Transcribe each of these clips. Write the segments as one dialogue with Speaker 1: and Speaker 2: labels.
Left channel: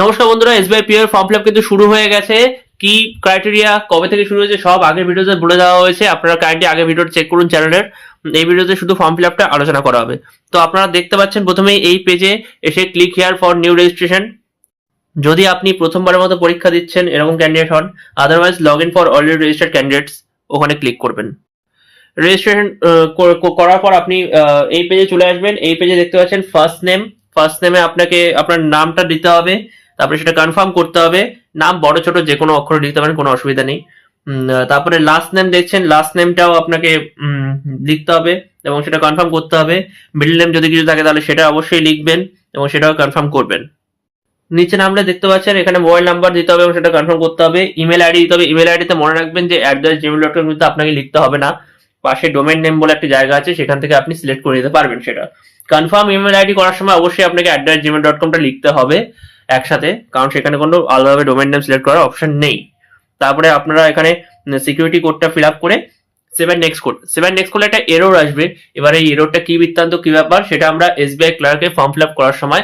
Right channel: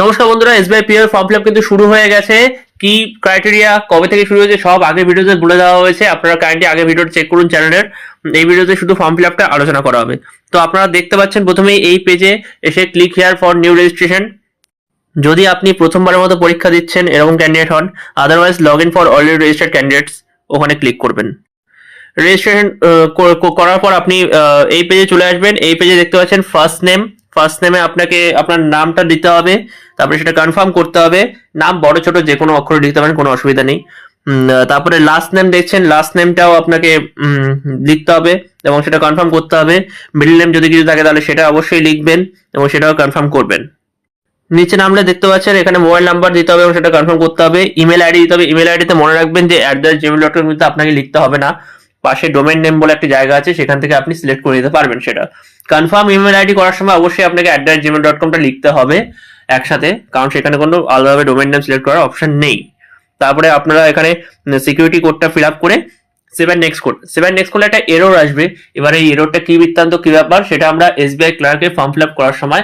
Speaker 1: নমস্কার বন্ধুরা SBI PR form fill কিন্তু শুরু হয়ে গেছে। কি ক্রাইটেরিয়া কবে থেকে শুরু হয়েছে, সব আগের ভিডিওতে বলে দেওয়া হয়েছে। আপনারা কাইন্ডলি আগে ভিডিও চেক করুন চ্যানেলের এই ভিডিওতে শুধু ফর্ম ফিল আপটা আলোচনা করা হবে। তো আপনারা দেখতে পাচ্ছেন প্রথমেই এই পেজে এসে click here for new registration যদি আপনি প্রথমবারের মতো পরীক্ষা দিচ্ছেন, এরকম ক্যান্ডিডেট হন otherwise log in for already registered candidates ওখানে ক্লিক করবেন। রেজিস্ট্রেশন করার পর আপনি এই পেজে চলে আসবেন। এই পেজে দেখতে পাচ্ছেন ফার্স্ট নেম ফার্স্ট নেমে আপনাকে, আপনার নামটা দিতে হবে। তারপরে সেটা কনফার্ম করতে হবে। নাম বড়, ছোট যে কোনো অক্ষরে লিখতে পারেন, কোনো অসুবিধা নেই। তারপরে লাস্ট নেম দেখছেন লাস্ট নেমটাও আপনাকে লিখতে হবে এবং সেটা কনফার্ম করতে হবে। মিডল নেম যদি কিছু থাকে তাহলে সেটা অবশ্যই লিখবেন এবং সেটাও কনফার্ম করবেন। নিচে নামলে দেখতে পাচ্ছেন, এখানে মোবাইল নাম্বার দিতে হবে এবং সেটা কনফার্ম করতে হবে। ইমেল আইডি দিতে হবে। ইমেল আইডিতে মনে রাখবেন যে at the Gmail dot com কিন্তু আপনাকে লিখতে হবে না। পাশে ডোমেন নেম বলে একটা জায়গা আছে, সেখান থেকে আপনি সিলেক্ট করে নিতে পারবেন সেটা। কনফার্ম ইমেল আইডি করার সময় অবশ্যই আপনাকে অ্যাট দ্য জিমেল ডট কমটা লিখতে হবে। একসাথে, কারণ সেখানে কোনো আলাদাভাবে ডোমেন নেম সিলেক্ট করার অপশন নেই। তারপরে আপনারা এখানে সিকিউরিটি কোডটা ফিল আপ করে save and next code save and next করলে একটা এরর আসবে। এবার এই এররটা কি বৃত্তান্ত, কি ব্যাপার, সেটা আমরা এসবিআই ক্লার্কে ফর্ম ফিল আপ করার সময়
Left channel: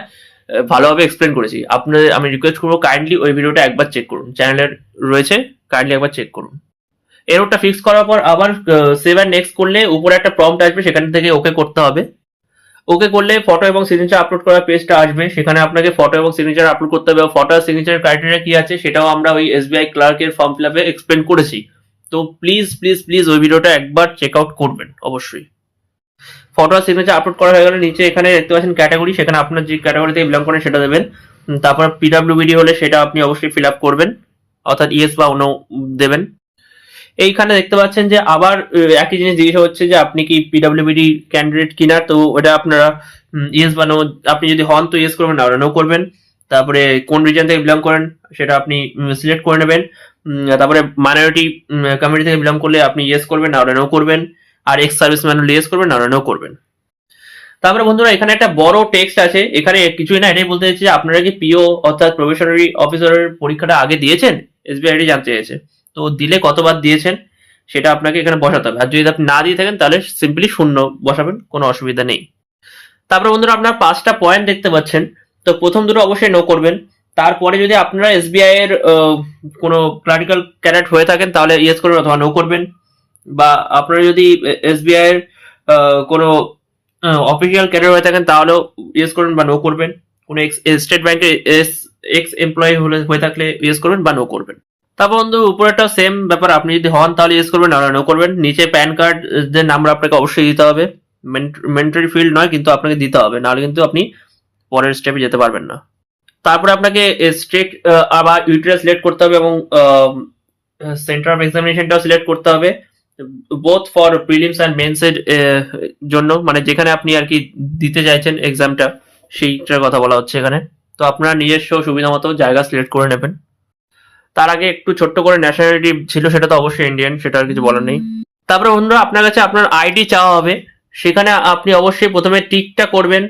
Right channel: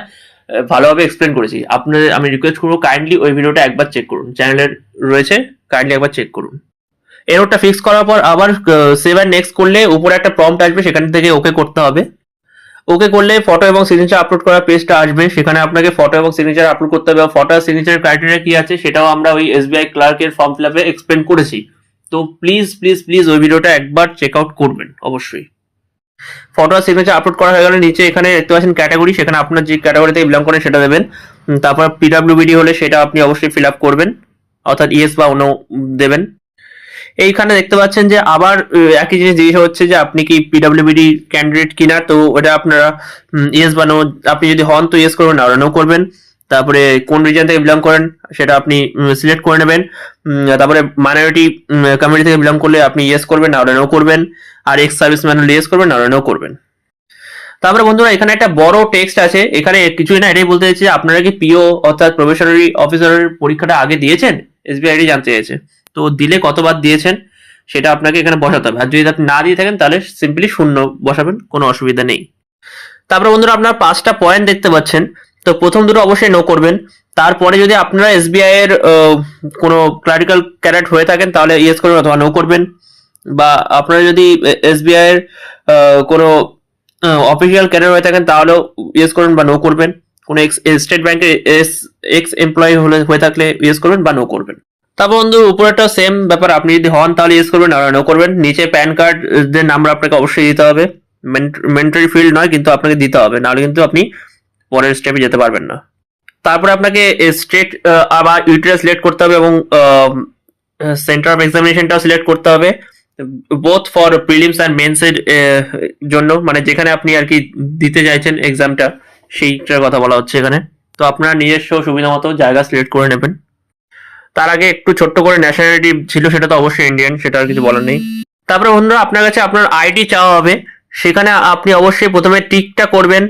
Speaker 1: ভালোভাবে এক্সপ্লেন করেছি। আপনাদের, আমি রিকোয়েস্ট করব কাইন্ডলি ওই ভিডিওটা একবার চেক করুন। চ্যানেলের রয়েছে কাইন্ডলি একবার চেক করুন। এরোটা ফিক্স করার পর আবার সেভেন নেক্সট করলে উপরে একটা প্রম্পট আসবে, সেখান থেকে ওকে করতে হবে। ওকে করলে ফটো এবং সিগনেচার আপলোড করার পেজটা আসবে। সেখানে আপনাকে ফটো এবং সিগনেচার আপলোড করতে হবে ফটো আর সিগনেচার ক্রাইটেরিয়া কি আছে সেটাও আমরা ওই এসবিআই ক্লার্কের ফর্ম ফিল আপে এক্সপ্লেন করেছি। তো প্লিজ প্লিজ প্লিজ ওই ভিডিওটা একবার চেক আউট করবেন, অবশ্যই। ফটো আর সিগনেচার আপলোড করা হয়ে গেলে নিচে এখানে দেখতে পাচ্ছেন ক্যাটাগরি সেখানে আপনার যে ক্যাটাগরিতে বিলং করেন সেটা দেবেন। তারপর পিডাব্লিউবিডি হলে সেটা আপনি অবশ্যই ফিল আপ করবেন, অর্থাৎ ইএস বা অন্য দেবেন। এইখানে দেখতে পাচ্ছেন যে আবার একই জিনিস জিজ্ঞাসা হচ্ছে যে আপনি কি পিডাব্লিউবিডি ক্যান্ডিডেট কিনা? তো ওটা আপনারা ইয়েস বা নো আপনি যদি হন তো ইয়েস করবেন, আর নো করবেন। তারপরে কোন রিজন থেকে বিলং করেন, সেটা আপনি সিলেক্ট করে নেবেন। তারপরে মাইনরিটি কমিউনিটি থেকে বিলং করলে আপনি ইয়েস করবেন, আর নো করবেন। আর এক্স সার্ভিস ম্যান হলে ইয়েস করবেন, আর নো করবেন। তারপরে বন্ধুরা, এখানে একটা বড় টেক্সট আছে। এখানে কিছুই না, এটাই বলতে চাইছে, আপনারা কি পিও অর্থাৎ প্রফেশনারি অফিসারের পরীক্ষাটা আগে দিয়েছেন? এসবিআই জানতে চাইছে। তো দিলে কতবার দিয়েছেন সেটা আপনাকে এখানে বসাতে হবে। আর যদি আপনি না দিয়ে থাকেন, তাহলে সিম্পলি শূন্য বসাবেন, কোনো অসুবিধা নেই। তারপরে বন্ধুরা, আপনার পাঁচটা পয়েন্ট দেখতে পাচ্ছেন। তো প্রথম দুটো অবশ্যই নো করবেন। তারপরে যদি আপনারা এসবিআই এর কোনো ক্লারিক্যাল ক্যারেট হয়ে থাকেন, তাহলে ইয়েস করবেন অথবা নো করবেন। বা আপনারা যদি এসবিআই এর কোনো অফিসিয়াল ক্যারিয়ার হয়ে থাকেন, তাহলেও ইয়েস করবেন বা নো করবেন। কোনো এক্স স্টেট ব্যাংকের এস এক্স এমপ্লয়ি হলে, হয়ে থাকলে ইয়েস করবেন বা নো করবেন। তারপর বন্ধু উপরেটা সেম ব্যাপার। আপনি যদি হন তাহলে ইয়েস করবেন, আর নো করবেন। নিচে প্যান কার্ড এর নাম্বার আপনাকে অবশ্যই দিতে হবে। মেন্টারি ফিল্ড নয়, কিন্তু আপনাকে দিতে হবে। নাহলে কিন্তু আপনি পরের স্টেপে যেতে পারবেন না। তারপরে আপনাকে স্টেট আবার ইউটিআই সিলেক্ট করতে হবে এবং সেন্টার অফ এক্সামিনেশনটাও সিলেক্ট করতে হবে। Both for prelims and mains এর জন্য। মানে যেখানে আপনি আর কি দিতে চাইছেন এক্সামটা সেইটার কথা বলা হচ্ছে এখানে। তো আপনারা নিজস্ব সুবিধা মতো জায়গা সিলেক্ট করে নেবেন। তার আগে একটু ছোট্ট করে ন্যাশনালিটি ছিল সেটা তো অবশ্যই ইন্ডিয়ান সেটা আর কিছু বলার নেই। তারপরে বন্ধুরা, আপনার কাছে আপনার আইডি চাওয়া হবে। সেখানে আপনি অবশ্যই প্রথমে টিকটা করবেন।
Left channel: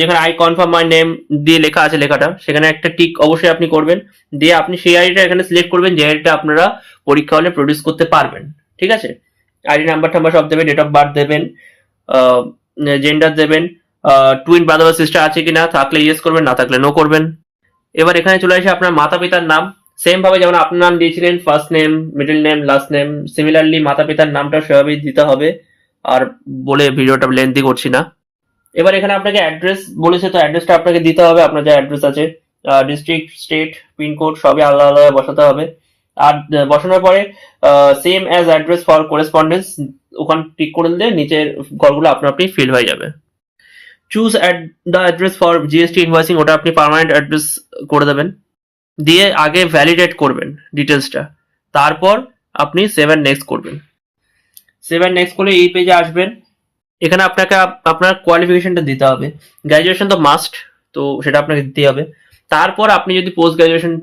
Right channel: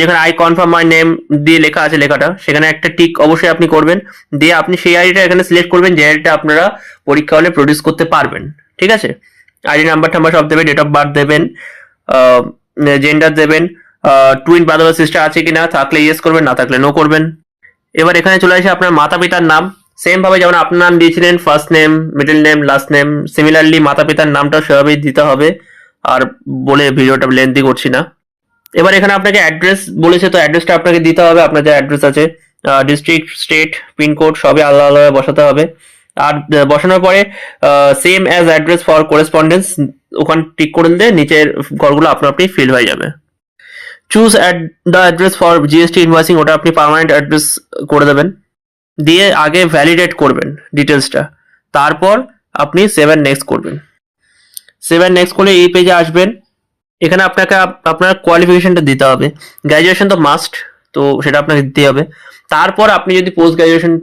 Speaker 1: যেখানে আই কনফার্ম মাই নেম দিয়ে লেখা আছে লেখাটা, সেখানে একটা টিক অবশ্যই আপনি করবেন। দিয়ে আপনি সেই আইডিটা এখানে সিলেক্ট করবেন, যে আইডিটা আপনারা পরীক্ষা হলে প্রডিউস করতে পারবেন। ঠিক আছে? আইডি নাম্বার টাম্বার সব দেবেন ডেট অফ বার্থ দেবেন জেন্ডার দেবেন টুইন ব্রাদার সিস্টার আছে কি না থাকলে ইয়েস করবেন, না থাকলে নো করবেন। এবার এখানে চলে আসে আপনার মাতা পিতার নাম। সেম ভাবে যেমন আপনার নাম দিয়েছিলেন first name middle name last name similarly মাতা পিতার নামটা সেভাবেই দিতে হবে। আর বলে ভিডিওটা লেন্থি করছি না। এবার এখানে আপনাকে অ্যাড্রেস বলেছে, তো অ্যাড্রেসটা আপনাকে দিতে হবে। আপনার যে অ্যাড্রেস আছে ডিস্ট্রিক্ট স্টেট পিনকোড সবই আলাদা আলাদা বসাতে হবে। আর বসানোর পরে same as address for correspondence ওখান টিক করে দিলে নিচের ঘরগুলো আপনার আপনি ফিল হয়ে যাবে। Choose add the address for GST invoicing ওটা আপনি পার্মানেন্ট অ্যাড্রেস করে দেবেন। দিয়ে আগে ভ্যালিডেট করবেন ডিটেলসটা তারপর আপনি সেভেন নেক্সট করবেন। সেভেন নেক্সট করলে এই পেজে আসবেন। এখানে আপনাকে আপনার কোয়ালিফিকেশনটা দিতে হবে। গ্র্যাজুয়েশন তো মাস্ট তো সেটা আপনাকে দিতে হবে। তারপর আপনি যদি পোস্ট গ্র্যাজুয়েশন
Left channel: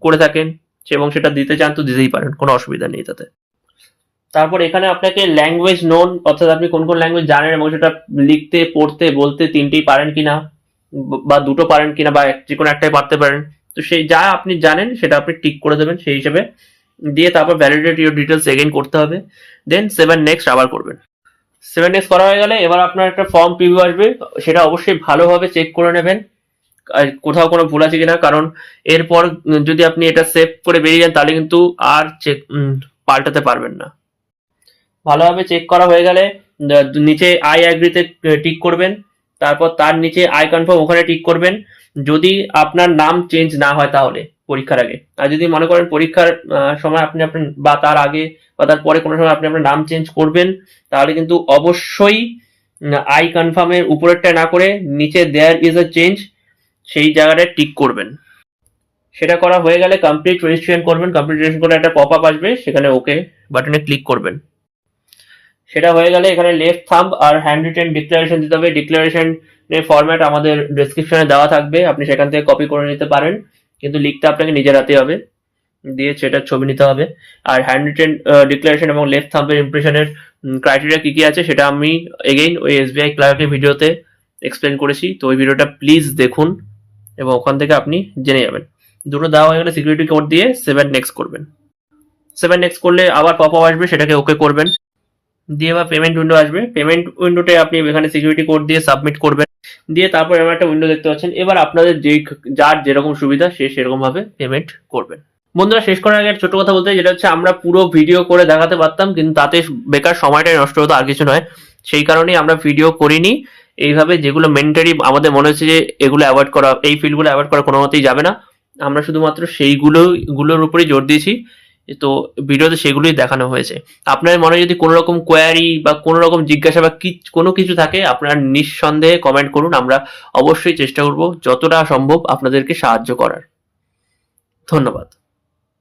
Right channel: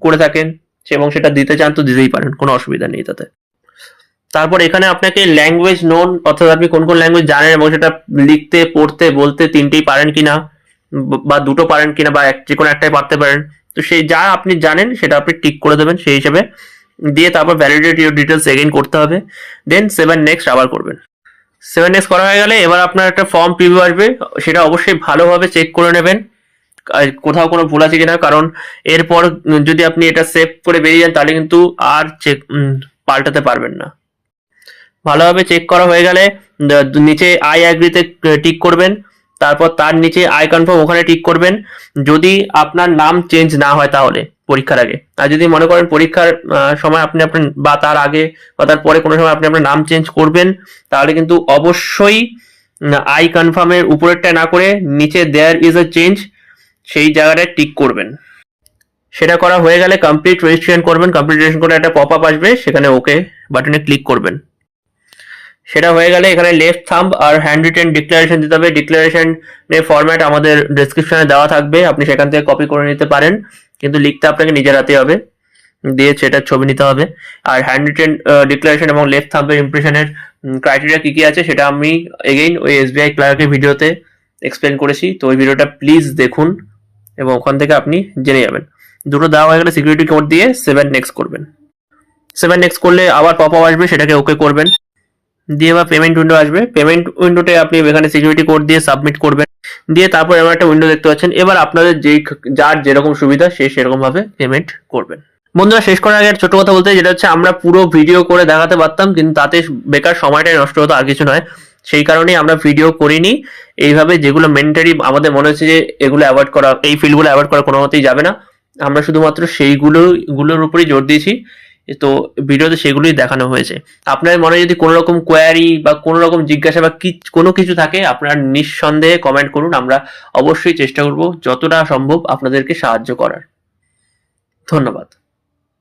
Speaker 1: করে থাকেন এবং সেটা দিতে চান, তো দিতেই পারেন, কোনো অসুবিধা নেই তাতে। তারপর এখানে আপনাকে ল্যাঙ্গুয়েজ নোন অর্থাৎ আপনি কোন কোন ল্যাঙ্গুয়েজ জানেন এবং সেটা লিখতে, পড়তে, বলতে তিনটেই পারেন কিনা, ব- বা দুটো পারেন কিনা, বা যে কোনো একটাই পারতে পারেন তো সেই যা আপনি জানেন, সেটা আপনি টিক করে দেবেন সেই হিসেবে। দিয়ে তারপর ভ্যালিডেট ইউর ডিটেলস এগেইন করতে হবে। দেন সেভেন নেক্সট আবার করবেন। সেভেন নেক্সট করা হয়ে গেলে এবার আপনার একটা ফর্ম প্রিভিউ আসবে। সেটা অবশ্যই ভালোভাবে চেক করে নেবেন। কোথাও কোনো ভুল আছে কিনা, কারণ এরপর যদি আপনি এটা সেভ করে বেরিয়ে যান, তাহলে কিন্তু আর চেক পাল্টাতে পারবেন না। ভালোভাবে চেক করা হয়ে গেলে নিচে আই অ্যাগ্রিতে টিক করবেন। তারপর তার নিচে আই কনফার্ম ওখানে টিক করবেন। যদি আপনার নাম চেঞ্জ না হয় তাহলে পরীক্ষার আগে। আর যদি মনে করেন পরীক্ষার সময় আপনি আপনার, বা তার আগে, বা তার পরে কোনো সময় আপনি আপনার নাম চেঞ্জ করবেন, তাহলে কিন্তু অবশ্যই আই কনফার্মের উপরেরটা না করে নিচে দেয়ার ইজ এ চেঞ্জ সেই জায়গাটায় টিক করবেন। সেটা করা হয়ে গেলে কমপ্লিট রেজিস্ট্রেশন করবেন। কমপ্লিট রেজিস্ট্রেশন করে একটা পপ আপ আসবে, সেখানে ওকে বাটনে ক্লিক করবেন। সেটা হয়ে গেলে এখানে লেফট থাম্ব আর হ্যান্ড রিটেন ডিক্লারেশন দিতে হবে। ডিক্লারেশনের ফরম্যাট আমাদের ডেসক্রিপশনে দেওয়া থাকবে। আপনি সেখান থেকে কপি করে নিতে পারেন। কিন্তু লিখতে আপনাকে নিজের হাতে হবে। দিয়ে সেটার ছবি নিতে হবে। আর হ্যান্ড রিটেন ডিক্লারেশন এবং লেফট থাম্বের ইমপ্রেশনের ক্রাইটেরিয়া কি কি আছে সেটা আমি এগেইন ওই এসবিআই ক্লার্কের ভিডিওতে এক্সপ্লেন করেছি। তো ওই ভিডিওটা প্লিজ দেখুন এবং ওখান থেকে আপনি জেনে যাবেন। দুটো দেওয়া হয়ে গেলে সিকিউরিটি কোড দিয়ে সেভেন নেক্সট করবেন। সেভেন নেক্সট করলে আবার পপ আসবে, সেটাকে ওকে করবেন। দিয়ে এবার পেমেন্ট উইন্ডো আসবে। পেমেন্ট উইন্ডোতে আপনি এখানে সিকিউরিটি কোড দিয়ে সাবমিট করবেন। দিয়ে তারপর এবার একটা উইন্ডো দেখতে পাচ্ছেন। এবার আপনাদের যেই যার যেরকম সুবিধা, সে সেরকম ভাবে পেমেন্ট করবেন। বন্ধুরা, শেষ করার আগে ছোট কথা বলতে যেটা হচ্ছে, আমরা পুরো ভিডিও করে দেখাতে পারতাম, কিন্তু তাতে বেকার সময়টাই নষ্ট হতো, আর কিছু নয়। সেই কারণেই আমরা ভিডিও করিনি। এইভাবে যেগুলো মেন্টারি আমাদের মনে হচ্ছে যে এগুলো অ্যাভয়েড করা, এই ফিল্ডগুলো অ্যাভয়েড করা কোনো মতেই যাবে না। আমরা শুধুমাত্র সেইগুলো, গুলোর উপরেই জোর দিয়েছি। তো ভিডিওতে সেগুলোই দেখানো হয়েছে। আপনার মনে যদি কোনো রকম কোয়ারি বা কোনো রকম জিজ্ঞাসা বা কি কোনো কিছু থাকে, আপনার নিঃসন্দেহে কমেন্ট করুন, আমরা অবশ্যই চেষ্টা করব যতটা সম্ভব আপনাদেরকে সাহায্য করার। ধন্যবাদ।